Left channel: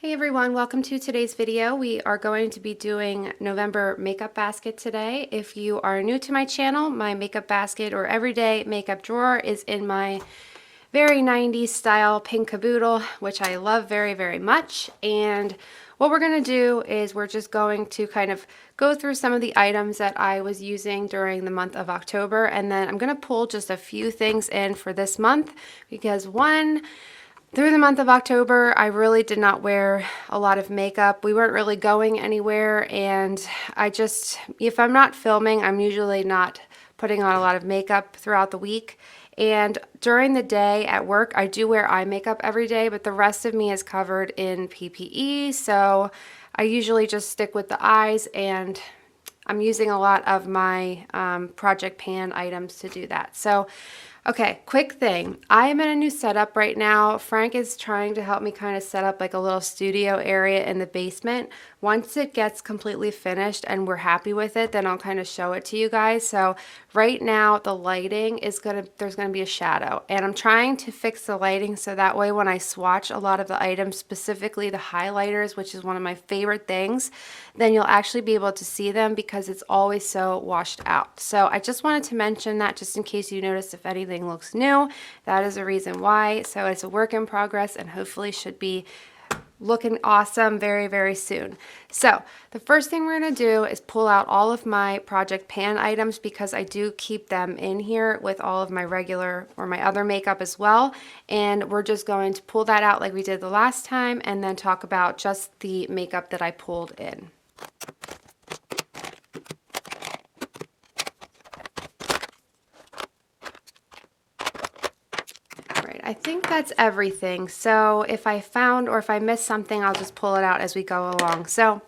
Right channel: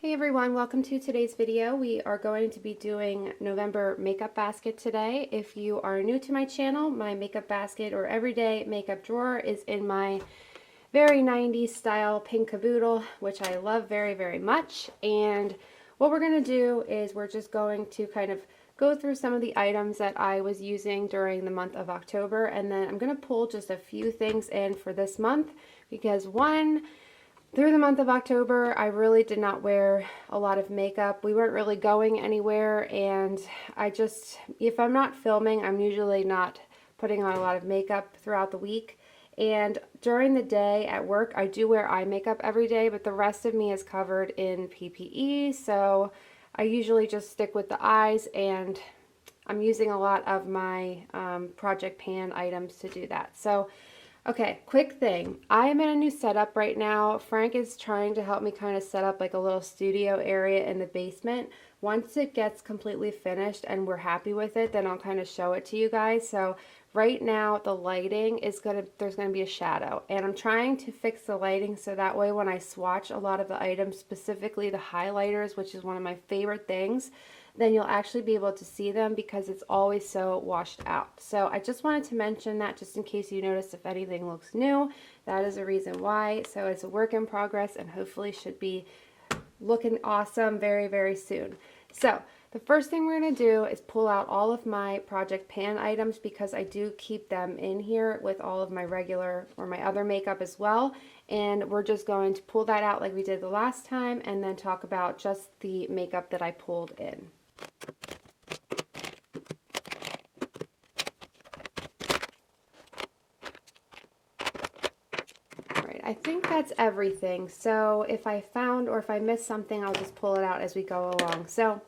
Hey everyone, welcome to today's video. We are going to be doing November makeup basket today. If you are new to my channel, my makeup basket or everyday makeup drawer is in my very 90s style pink caboodle, which I love very, very much. And what we're going to do is we're just going to kind of go through some of the items that I was using during the month of October, and then I'm going to pull just a few things in for this month because through the month of October, I really did not wear a lot of makeup. We weren't really going anywhere, and if I'm not filming, I'm usually not putting on a lot of makeup throughout the week. And during the day at work, I do wear eye makeup every day, but the rest of me is covered in PPE, so I usually just stick with the eyes, and I'm using a lot of my Project Pan items to do that. So okay, quick thing. I am in a new setup right now. Frank is trying to help me kind of set up like a little studio area in the basement. Once it gets completely finished and we're happy with it, then I'll kind of show it to you guys. So right now the lighting is there's gonna be a shadow, and I'm trying to fix the lighting so that way when I swatch a lot of the items, specifically the highlighters, which is one of my favorite things, then you'll actually be able to see them because it's always so washed out. So I just wanted to mention that just in case you notice if anything looks new, that is a reason why. So it's a work in progress and hopefully should be looking awesome very, very soon. So the first thing we're going to do is pull out all of my Project Pan items because I do keep them in here with all of my regular or my other makeup as well. And we're just going to pull that out like we did the last time and then talk about just the makeup that I pulled in. I think that's everything. So if I found or if I missed something, I'll just pull it out as we go along. So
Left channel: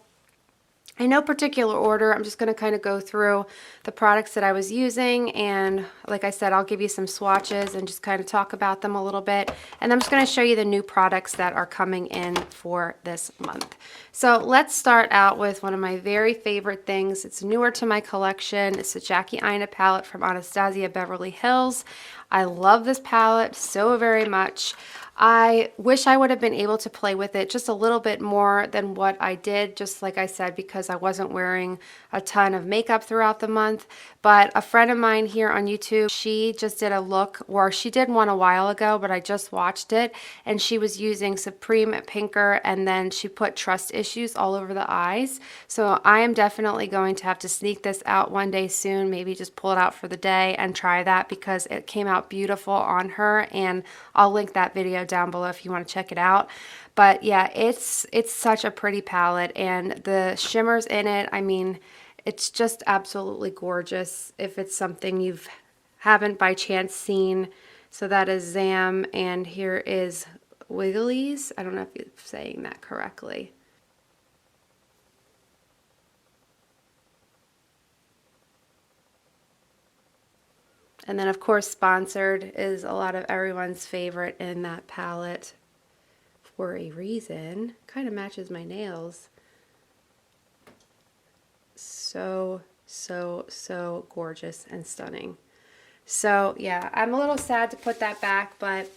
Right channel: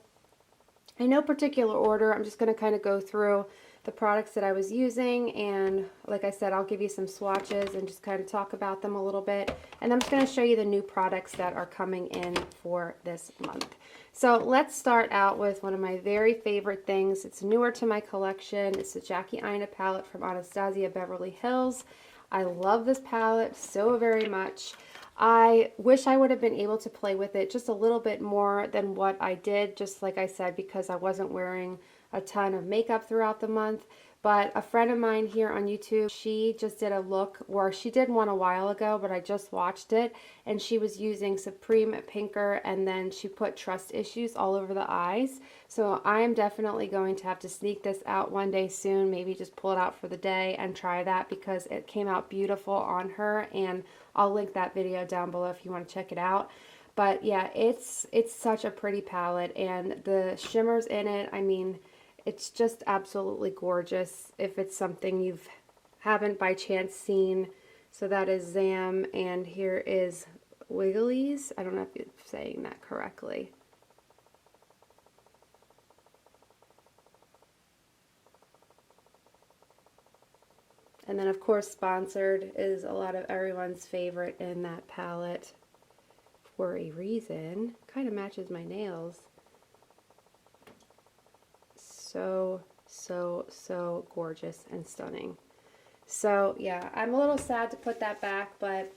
in no particular order, I'm just going to kind of go through the products that I was using, and like I said, I'll give you some swatches and just kind of talk about them a little bit, and I'm just going to show you the new products that are coming in for this month. So let's start out with one of my very favorite things. It's newer to my collection. It's the Jackie Aina palette from Anastasia Beverly Hills. I love this palette so very much. I wish I would have been able to play with it just a little bit more than what I did, just like I said, because I wasn't wearing a ton of makeup throughout the month. But a friend of mine here on YouTube, she just did a look, or she did one a while ago, but I just watched it, and she was using Supreme Pinker, and then she put Trust Issues all over the eyes. So I am definitely going to have to sneak this out one day soon, maybe just pull it out for the day and try that because it came out beautiful on her, and I'll link that video down below if you want to check it out. But yeah, it's such a pretty palette, and the shimmers in it, I mean, it's just absolutely gorgeous if it's something you haven't by chance seen. So that is Zam, and here is Wigglies. I don't know if you're saying that correctly. And then of course Sponsored is a lot of everyone's favorite in that palette for a reason. Kind of matches my nails. So, so gorgeous and stunning. So yeah, I'm a little sad to put that back, but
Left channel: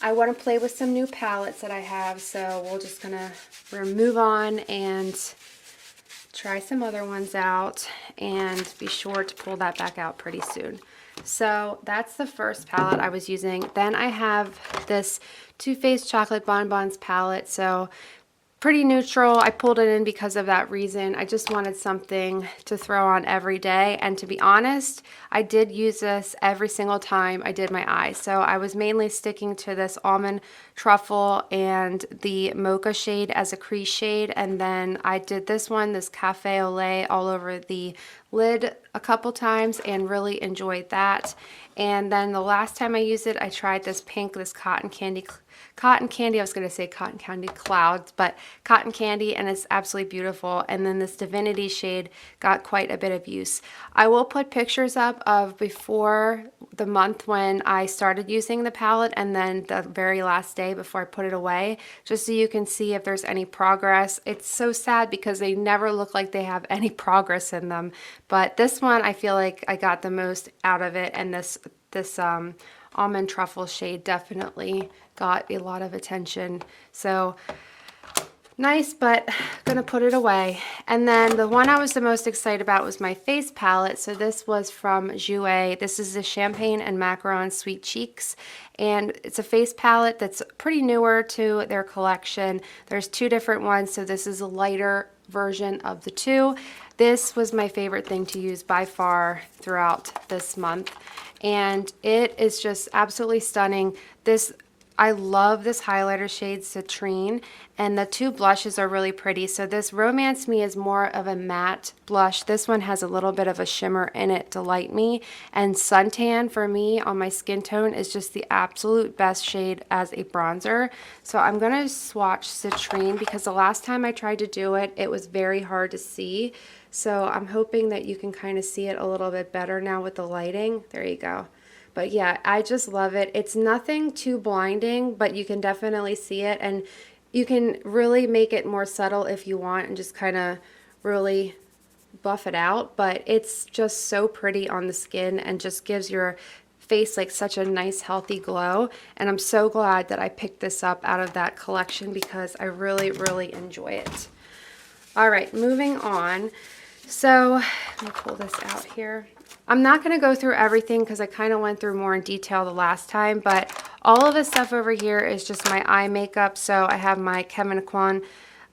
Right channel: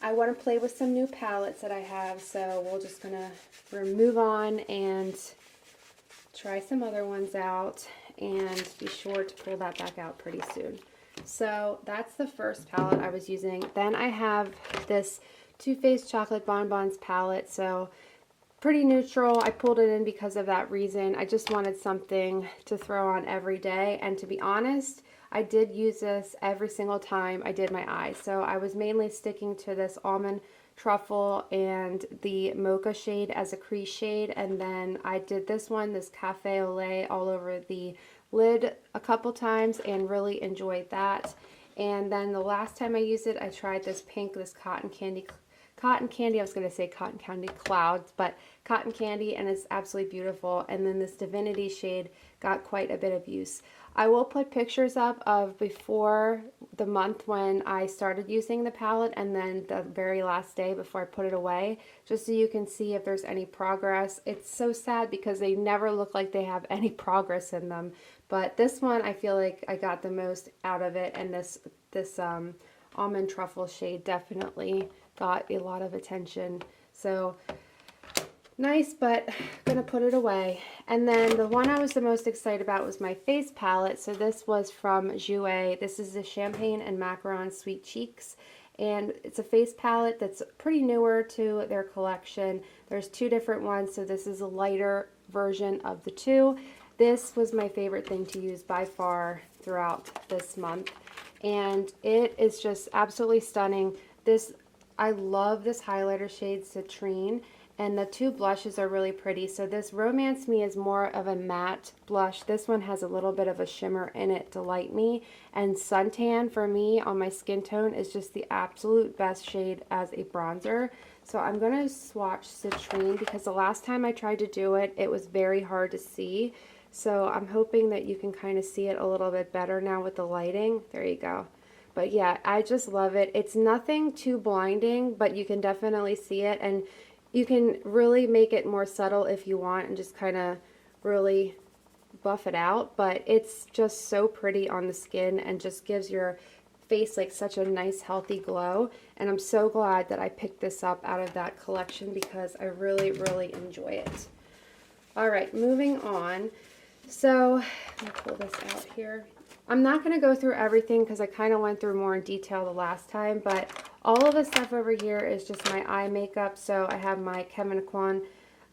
I want to play with some new palettes that I have, so we're gonna move on and try some other ones out, and be sure to pull that back out pretty soon. So that's the first palette I was using. Then I have this Too Faced Chocolate Bonbons palette. So pretty neutral. I pulled it in because of that reason. I just wanted something to throw on every day, and to be honest, I did use this every single time I did my eyes. So I was mainly sticking to this Almond Truffle and the Mocha shade as a crease shade, and then I did this one, this Cafe au lait, all over the lid a couple times and really enjoyed that. And then the last time I used it, I tried this pink, this cotton candy, I was going to say cotton candy clouds, but cotton candy, and it's absolutely beautiful. And then this Divinity shade got quite a bit of use. I will put pictures up of before the month when I started using the palette, and then the very last day before I put it away, just so you can see if there's any progress. It's so sad because they never look like they have any progress in them, but this one I feel like I got the most out of it, and this almond truffle shade definitely got a lot of attention. So nice, but gonna put it away. And then the one I was the most excited about was my face palette. So this was from Jouer. This is the Champagne and Macaron Sweet Cheeks. And it's a face palette that's pretty newer to their collection. There's two different ones, so this is a lighter version of the two. This was my favorite thing to use by far throughout this month. And it is just absolutely stunning. I love this highlighter shade, Citrine, and the two blushes are really pretty. So this Romance Me is more of a matte blush. This one has a little bit of a shimmer in it, Delight Me. And Suntan for me on my skin tone is just the absolute best shade as a bronzer. So I'm going to swatch Citrine because the last time I tried to do it, it was very hard to see. So I'm hoping that you can kind of see it a little bit better now with the lighting. There you go. But yeah, I just love it. It's nothing too blinding, but you can definitely see it. And you can really make it more subtle if you want and just kind of really buff it out. But it's just so pretty on the skin and just gives your face like such a nice healthy glow. And I'm so glad that I picked this up out of that collection because I really, really enjoy it. All right, moving on. So let me pull this out here. I'm not going to go through everything because I kind of went through more in detail the last time, but all of this stuff over here is just my eye makeup. So I have my Kevyn Aucoin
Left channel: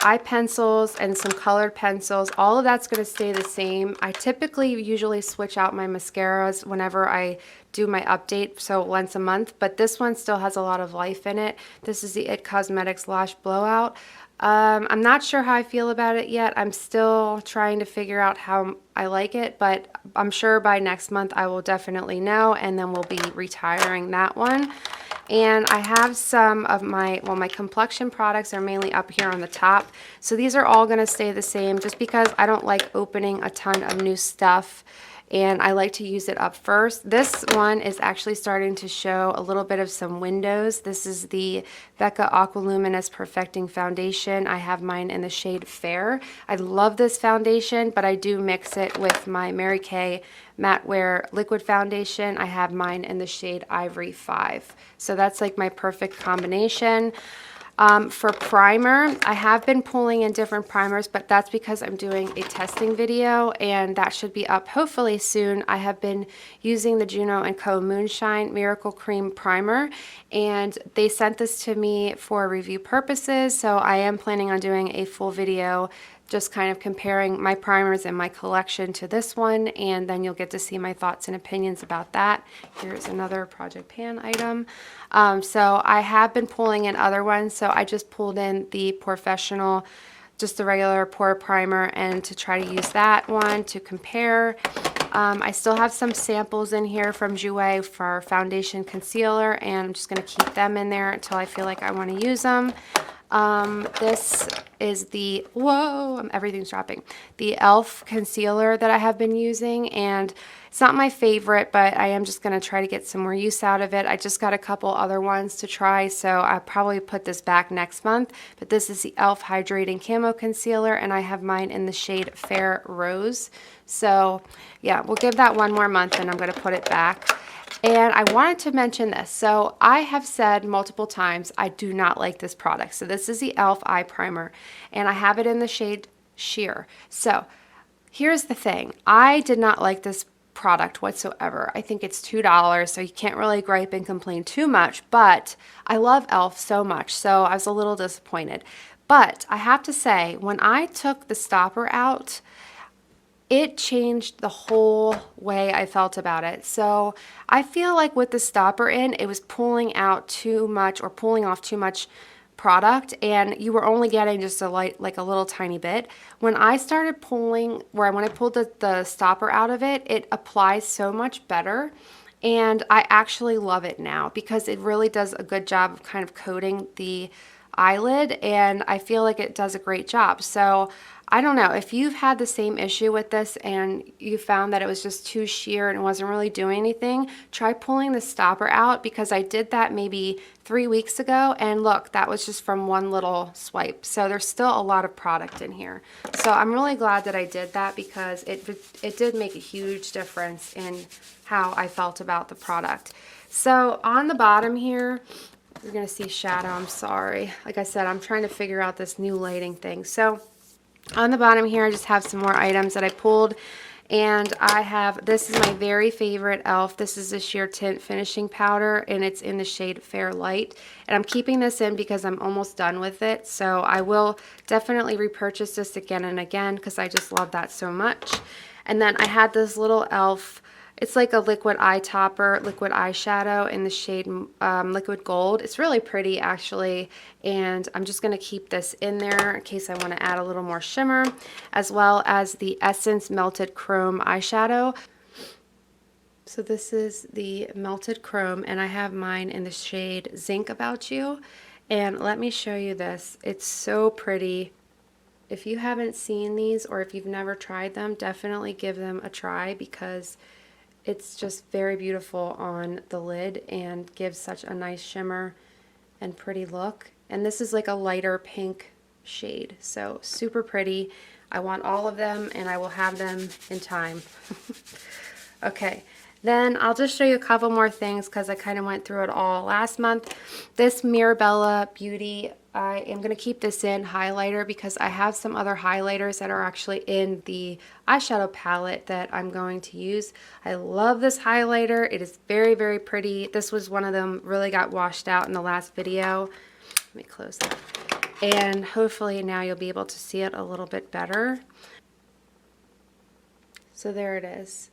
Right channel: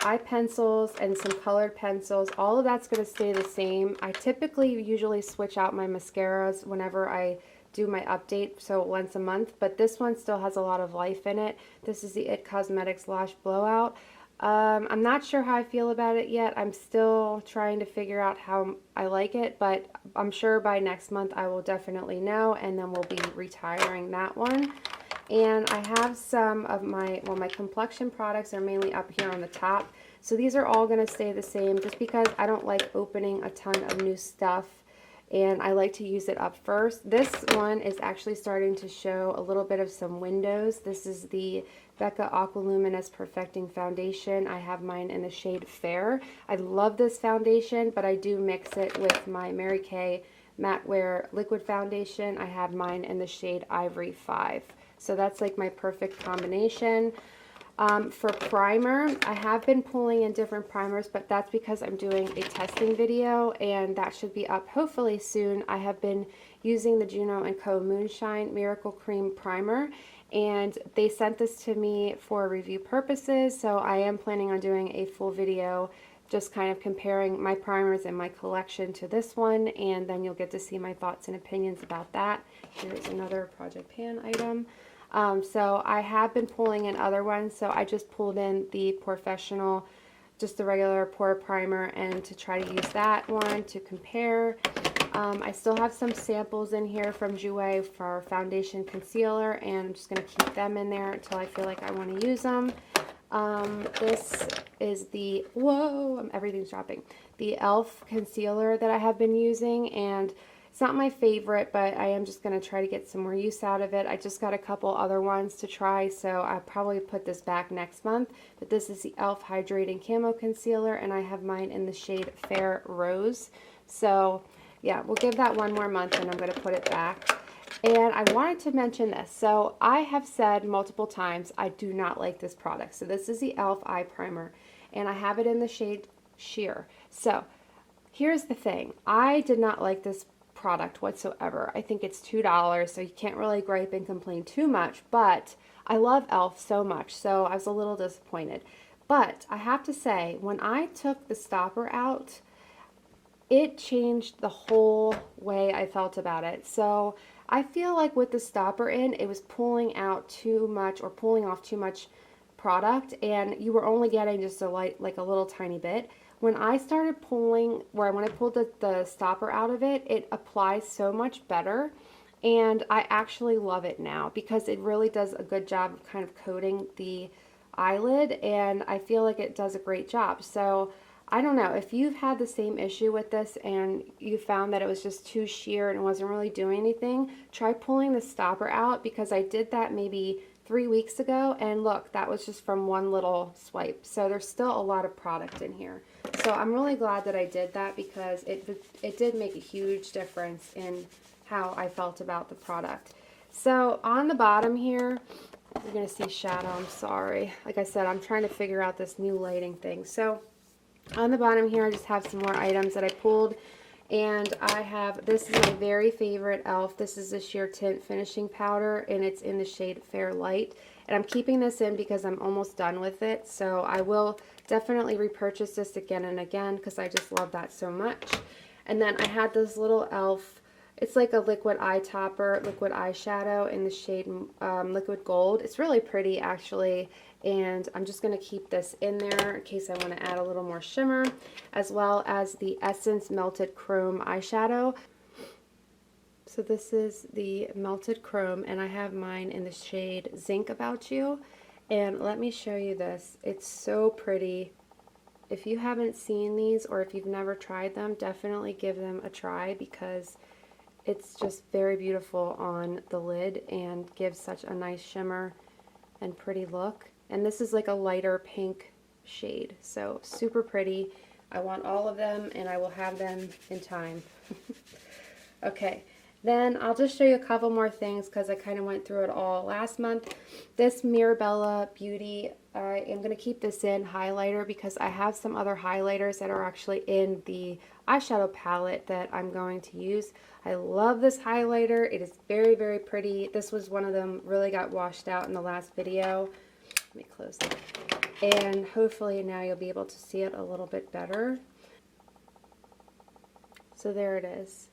eye pencils and some colored pencils. All of that's going to stay the same. I typically usually switch out my mascaras whenever I do my update, so once a month, but this one still has a lot of life in it. This is the IT Cosmetics Lash Blowout. I'm not sure how I feel about it yet. I'm still trying to figure out how I like it, but I'm sure by next month I will definitely know, and then we'll be retiring that one. And I have some of my complexion products are mainly up here on the top. So these are all going to stay the same just because I don't like opening a ton of new stuff. And I like to use it up first. This one is actually starting to show a little bit of some windows. This is the Becca Aqua Luminous Perfecting Foundation. I have mine in the shade Fair. I love this foundation, but I do mix it with my Mary Kay Matte Wear Liquid Foundation. I have mine in the shade Ivory 5. So that's like my perfect combination. For primer, I have been pulling in different primers, but that's because I'm doing a testing video and that should be up hopefully soon. I have been using the Juno & Co. Moonshine Miracle Cream Primer, and they sent this to me for review purposes, so I am planning on doing a full video just kind of comparing my primers in my collection to this one, and then you'll get to see my thoughts and opinions about that. Here's another Project Pan item. So I have been pulling in other ones, so I just pulled in the Professional, just the regular pore primer, and to try to use that one to compare. I still have some samples in here from Jouer for foundation concealer, and I'm just going to keep them in there until I feel like I want to use them. This is the, whoa, everything's dropping, the e.l.f. concealer that I have been using, and it's not my favorite, but I am just going to try to get some more use out of it. I just got a couple other ones to try, so I'll probably put this back next month. But this is the e.l.f. Hydrating Camo Concealer, and I have mine in the shade Fair Rose. So yeah, we'll give that one more month, and I'm going to put it back. And I wanted to mention this. So I have said multiple times I do not like this product. So this is the e.l.f. Eye Primer, and I have it in the shade Sheer. So here's the thing. I did not like this product whatsoever. I think it's $2, so you can't really gripe and complain too much, but I love e.l.f. so much, so I was a little disappointed. But I have to say, when I took the stopper out, it changed the whole way I felt about it. So I feel like with the stopper in, it was pulling out too much or pulling off too much product, and you were only getting just a like a little tiny bit. When I started pulling, when I pulled the stopper out of it, it applies so much better, and I actually love it now because it really does a good job of kind of coating the eyelid, and I feel like it does a great job. So I don't know if you've had the same issue with this and you found that it was just too sheer and wasn't really doing anything, try pulling the stopper out, because I did that maybe 3 weeks ago, and look, that was just from one little swipe. So there's still a lot of product in here. So I'm really glad that I did that because it did make a huge difference in how I felt about the product. So on the bottom here, you're going to see shadow. I'm sorry. Like I said, I'm trying to figure out this new lighting thing. So on the bottom here, I just have some more items that I pulled. And I have, this is my very favorite e.l.f. This is a sheer tint finishing powder, and it's in the shade Fair Light. And I'm keeping this in because I'm almost done with it. So I will definitely repurchase this again and again because I just love that so much. And then I had this little e.l.f. It's like a liquid eye topper, liquid eyeshadow in the shade Liquid Gold. It's really pretty actually, and I'm just going to keep this in there in case I want to add a little more shimmer, as well as the Essence Melted Chrome eyeshadow. So this is the Melted Chrome, and I have mine in the shade Zinc About You. And let me show you this. It's so pretty. If you haven't seen these or if you've never tried them, definitely give them a try because it's just very beautiful on the lid and gives such a nice shimmer and pretty look. And this is like a lighter pink shade, so super pretty. I want all of them and I will have them in time. Okay, then I'll just show you a couple more things because I kind of went through it all last month. This Mirabella Beauty, I am going to keep this in highlighter because I have some other highlighters that are actually in the eyeshadow palette that I'm going to use. I love this highlighter. It is very, very pretty. This was one of them, really got washed out in the last video. Let me close that. And hopefully now you'll be able to see it a little bit better. So there it is.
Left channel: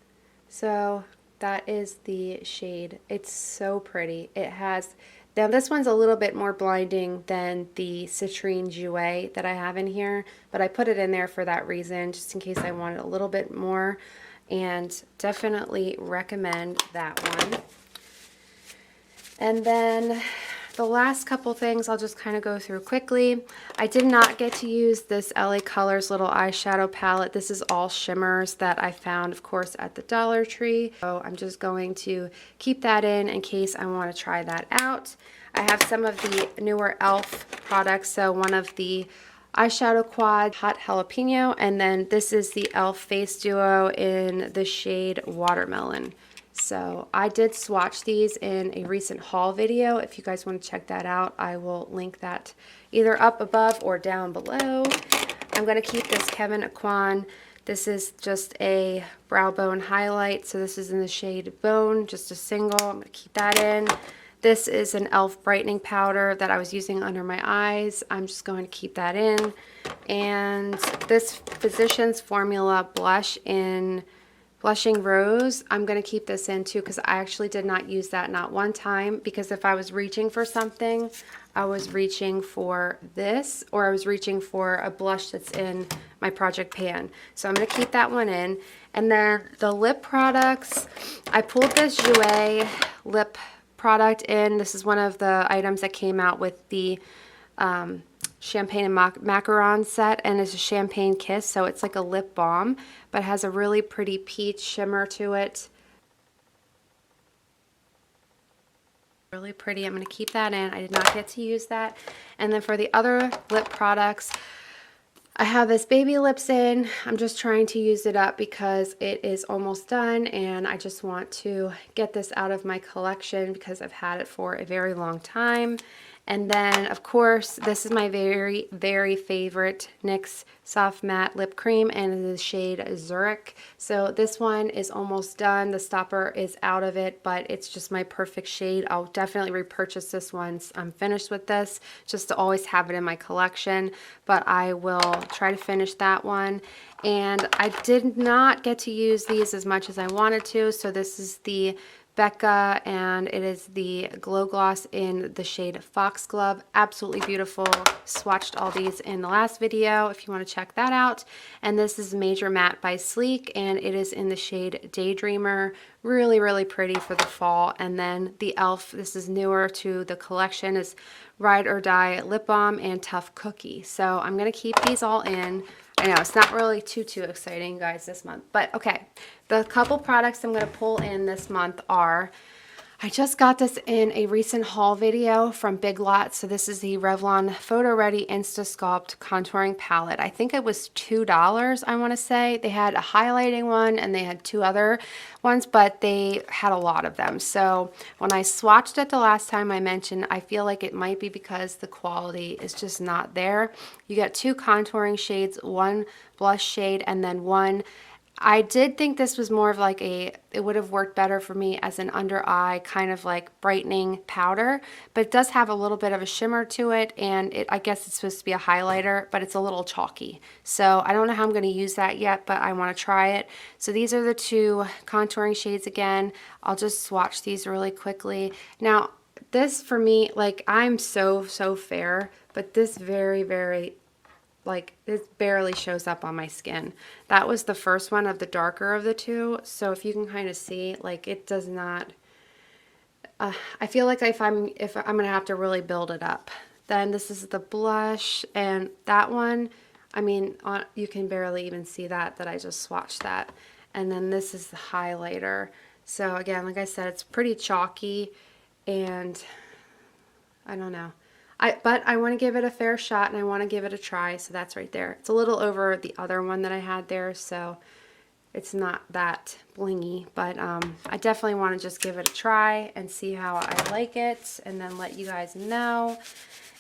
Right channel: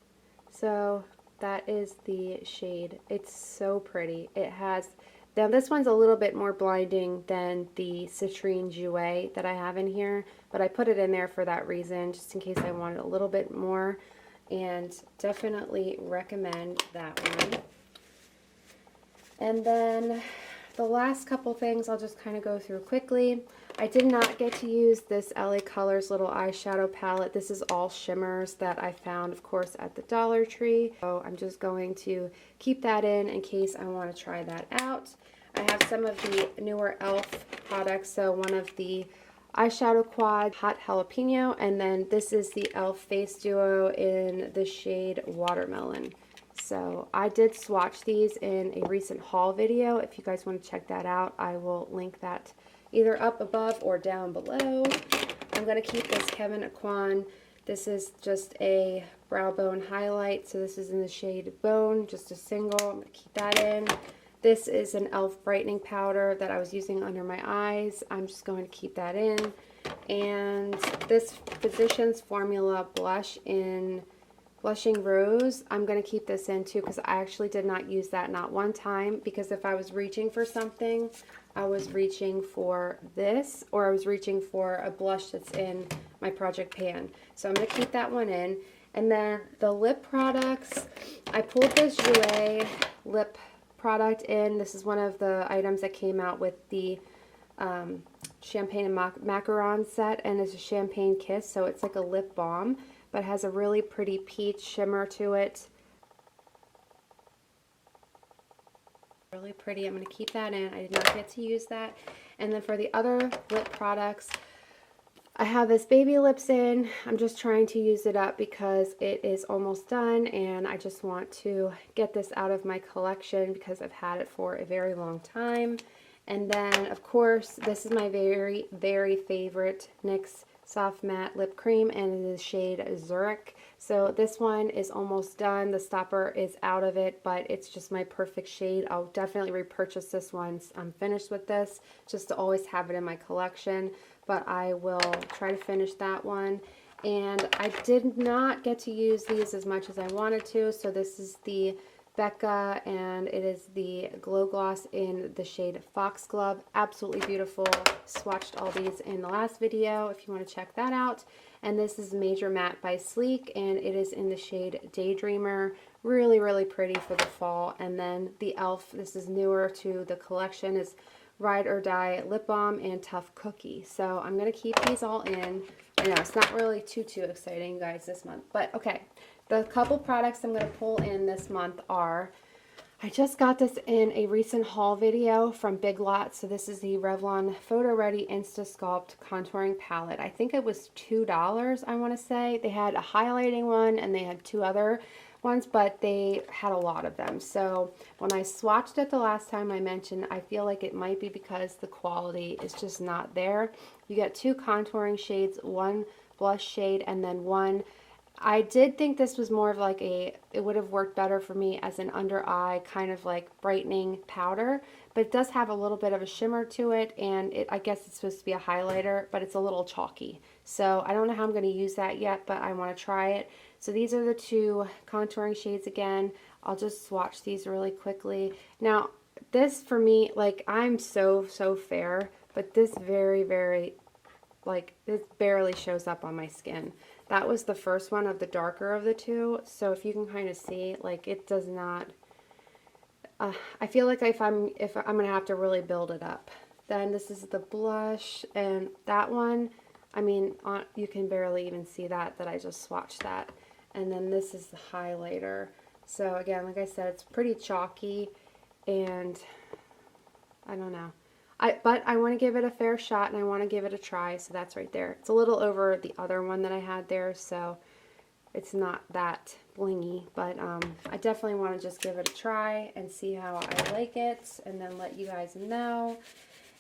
So that is the shade. It's so pretty. It has, now this one's a little bit more blinding than the Citrine Jouet that I have in here, but I put it in there for that reason, just in case I wanted a little bit more, and definitely recommend that one. And then the last couple things I'll just kind of go through quickly. I did not get to use this LA Colors little eyeshadow palette. This is all shimmers that I found, of course, at the Dollar Tree. So I'm just going to keep that in case I want to try that out. I have some of the newer e.l.f. products. So one of the eyeshadow quad Hot Jalapeno, and then this is the e.l.f. Face Duo in the shade Watermelon. So I did swatch these in a recent haul video. If you guys want to check that out, I will link that either up above or down below. I'm going to keep this Kevyn Aucoin. This is just a brow bone highlight. So this is in the shade Bone, just a single. I'm going to keep that in. This is an e.l.f. brightening powder that I was using under my eyes. I'm just going to keep that in. And this Physicians Formula blush in Blushing Rose, I'm going to keep this in too because I actually did not use that not one time, because if I was reaching for something, I was reaching for this, or I was reaching for a blush that's in my project pan. So I'm going to keep that one in. And then the lip products, I pulled this Jouer lip product in. This is one of the items that came out with the Champagne and Macaron set, and it's a Champagne Kiss, so it's like a lip balm, but has a really pretty peach shimmer to it. Really pretty. I'm going to keep that in. I did not get to use that. And then for the other lip products, I have this Baby Lips in. I'm just trying to use it up because it is almost done, and I just want to get this out of my collection because I've had it for a very long time. And then, of course, this is my very, very favorite NYX Soft Matte Lip Cream in the shade Zurich. So this one is almost done. The stopper is out of it, but it's just my perfect shade. I'll definitely repurchase this once I'm finished with this, just to always have it in my collection. But I will try to finish that one. And I did not get to use these as much as I wanted to. So this is the Becca, and it is the Glow Gloss in the shade Foxglove. Absolutely beautiful. Swatched all these in the last video if you want to check that out. And this is Major Matte by Sleek, and it is in the shade Daydreamer. Really, really pretty for the fall. And then the e.l.f., this is newer to the collection, is Ride or Die Lip Balm and Tough Cookie. So I'm going to keep these all in. I know it's not really too exciting, guys, this month, but okay. The couple products I'm going to pull in this month are, I just got this in a recent haul video from Big Lots. So this is the Revlon Photoready Instasculpt Contouring Palette. I think it was $2, I want to say. They had a highlighting one and they had two other ones, but they had a lot of them. So when I swatched it the last time I mentioned, I feel like it might be because the quality is just not there. You get two contouring shades, one blush shade, and then one. I did think this was more of like it would have worked better for me as an under eye kind of like brightening powder, but it does have a little bit of a shimmer to it, and I guess it's supposed to be a highlighter, but it's a little chalky. So I don't know how I'm going to use that yet, but I want to try it. So these are the two contouring shades again. I'll just swatch these really quickly. Now, this for me, like I'm so fair, but this very, like this barely shows up on my skin. That was the first one of the darker of the two. So if you can kind of see, like it does not, I feel like if I'm going to have to really build it up. Then this is the blush, and that one, I mean, you can barely even see that I just swatched that. And then this is the highlighter. So again, like I said, it's pretty chalky, and I don't know. But I want to give it a fair shot, and I want to give it a try, so that's right there. It's a little over the other one that I had there, so it's not that blingy, but I definitely want to just give it a try and see how I like it, and then let you guys know.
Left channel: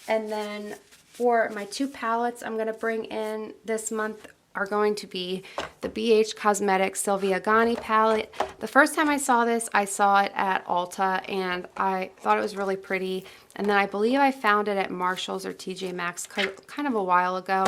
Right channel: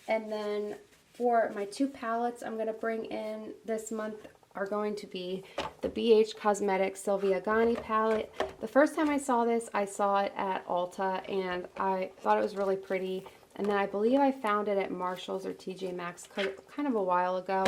And then for my two palettes I'm going to bring in this month are going to be the BH Cosmetics Sylvia Ghani palette. The first time I saw this, I saw it at Ulta, and I thought it was really pretty. And then I believe I found it at Marshall's or TJ Maxx kind of a while ago.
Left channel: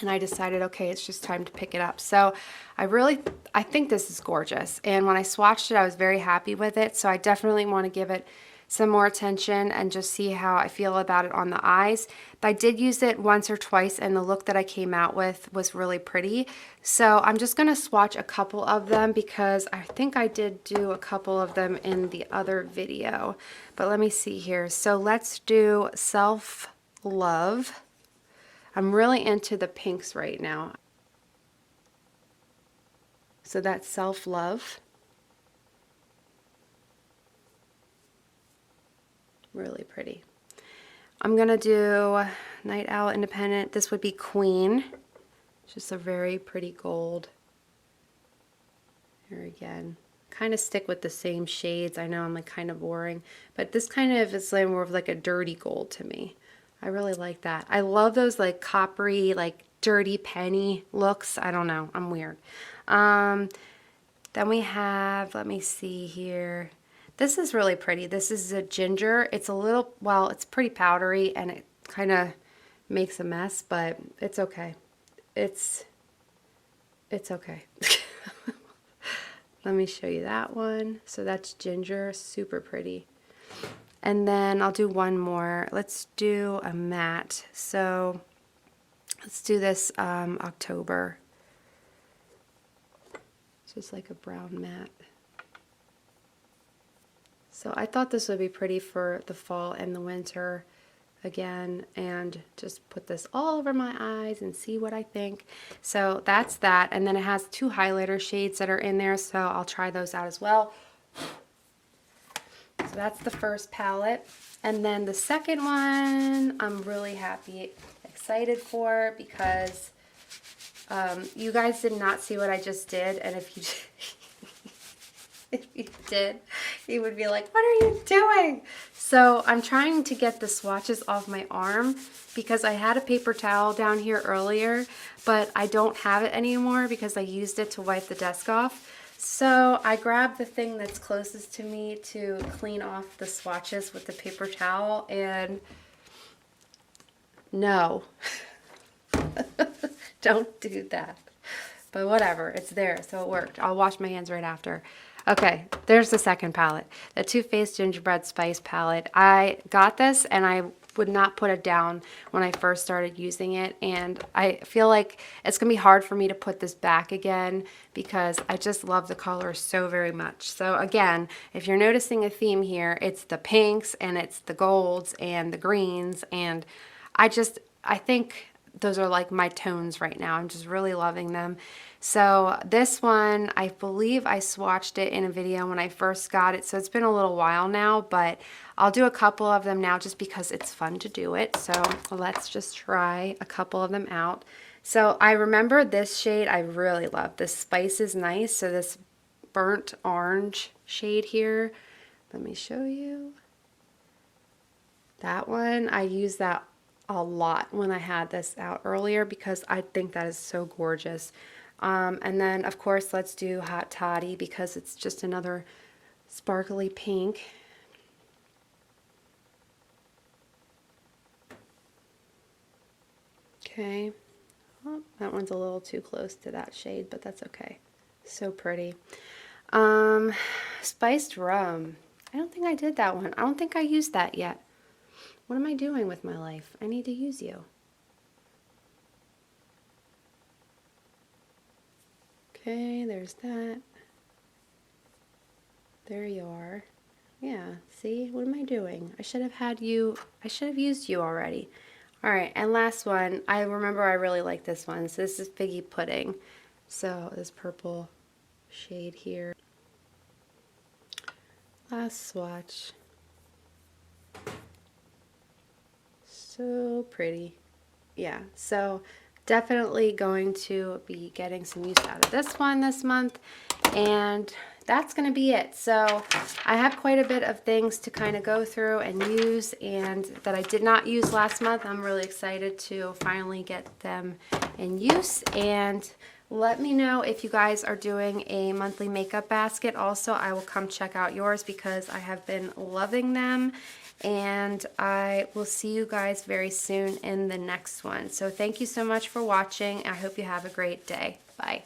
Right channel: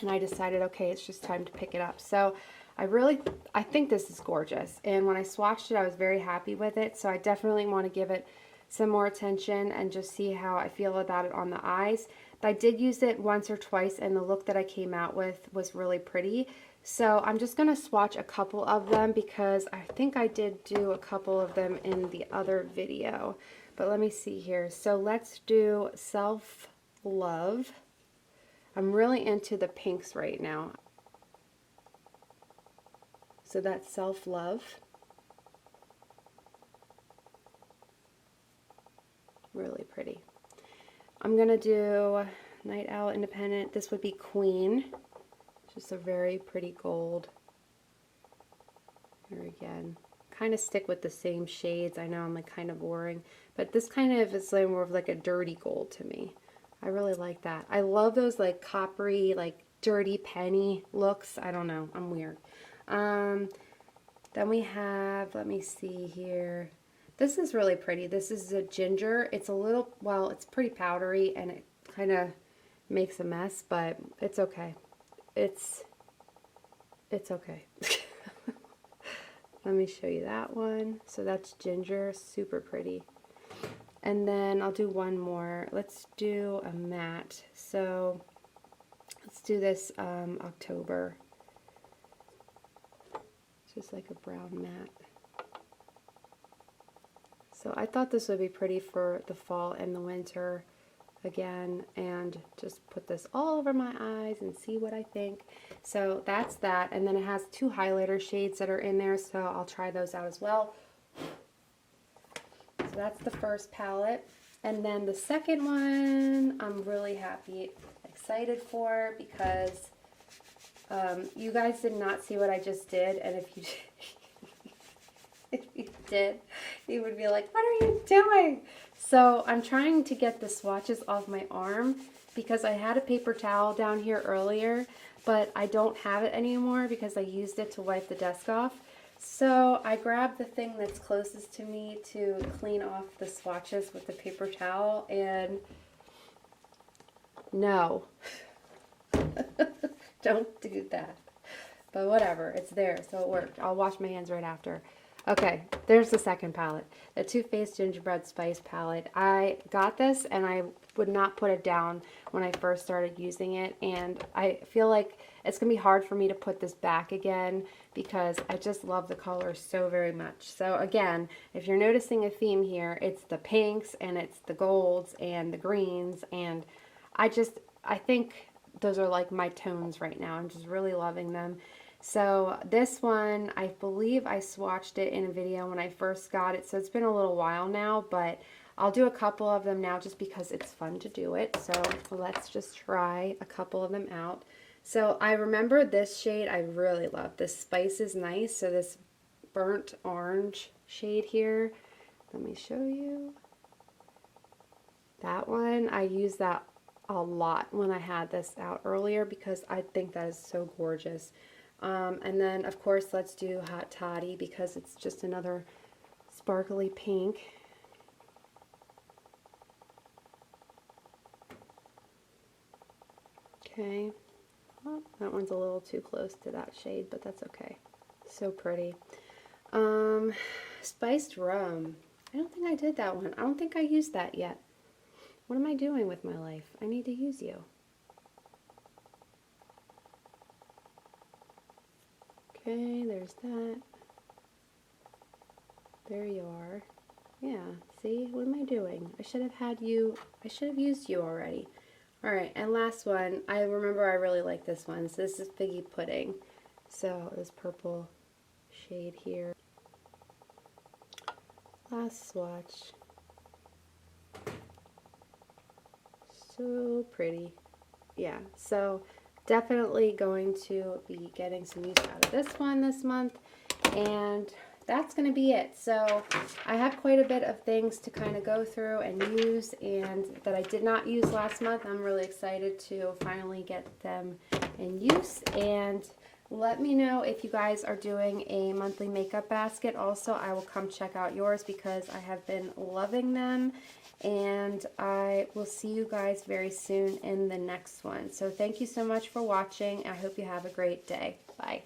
And I decided, okay, it's just time to pick it up. So I think this is gorgeous. And when I swatched it, I was very happy with it. So I definitely want to give it some more attention and just see how I feel about it on the eyes. But I did use it once or twice, and the look that I came out with was really pretty. So I'm just going to swatch a couple of them because I think I did do a couple of them in the other video. But let me see here. So let's do Self Love. I'm really into the pinks right now. So that's Self Love. Really pretty. I'm going to do Night Owl Independent. This would be Queen. Just a very pretty gold. Here again. Kind of stick with the same shades. I know I'm like kind of boring, but this kind of is like more of like a dirty gold to me. I really like that. I love those like coppery, like dirty penny looks. I don't know. I'm weird. Then we have, let me see here. This is really pretty. This is a ginger. It's a little, well, it's pretty powdery and it kind of makes a mess, but it's okay. It's okay. Let me show you that one. So that's ginger, super pretty. And then I'll do one more. Let's do a matte. So let's do this October. It's just like a brown matte. So I thought this would be pretty for the fall and the winter again, and just put this all over my eyes and see what I think. So that's that, and then it has two highlighter shades that are in there, so I'll try those out as well. So that's the first palette, and then the second one I'm really happy, excited for, because you guys did not see what I just did, and if you if you did, you would be like, what are you doing? So I'm trying to get the swatches off my arm because I had a paper towel down here earlier, but I don't have it anymore because I used it to wipe the desk off. So I grabbed the thing that's closest to me to clean off the swatches with the paper towel, and no, don't do that. But whatever, it's there, so it worked. I'll wash my hands right after. Okay, there's the second palette, the Too Faced Gingerbread Spice palette. I got this and I would not put it down when I first started using it, and I feel like it's gonna be hard for me to put this back again because I just love the color so very much. So again, if you're noticing a theme here, it's the pinks and it's the golds and the greens, and I think those are like my tones right now. I'm just really loving them. So this one, I believe I swatched it in a video when I first got it, so it's been a little while now, but I'll do a couple of them now just because it's fun to do it. So let's just try a couple of them out. So I remember this shade I really love. This Spice is Nice, so this burnt orange shade here. Let me show you. That one, I used that a lot when I had this out earlier because I think that is so gorgeous. And then, of course, let's do Hot Toddy because it's just another sparkly pink. Okay. Oh, that one's a little too close to that shade, but that's okay. So pretty. Spiced Rum. I don't think I did that one. I don't think I used that yet. What am I doing with my life? I need to use you. Okay, there's that. There you are. Yeah, see? What am I doing? I should have had you, I should have used you already. All right, and last one. I remember I really like this one. So this is Figgy Pudding. So this purple shade here. Last swatch. So pretty. Yeah, so definitely going to be getting some use out of this one this month, and that's going to be it. So I have quite a bit of things to kind of go through and use, and that I did not use last month. I'm really excited to finally get them in use. And let me know if you guys are doing a monthly makeup basket. Also, I will come check out yours because I have been loving them. And I will see you guys very soon in the next one. So thank you so much for watching. I hope you have a great day. Bye.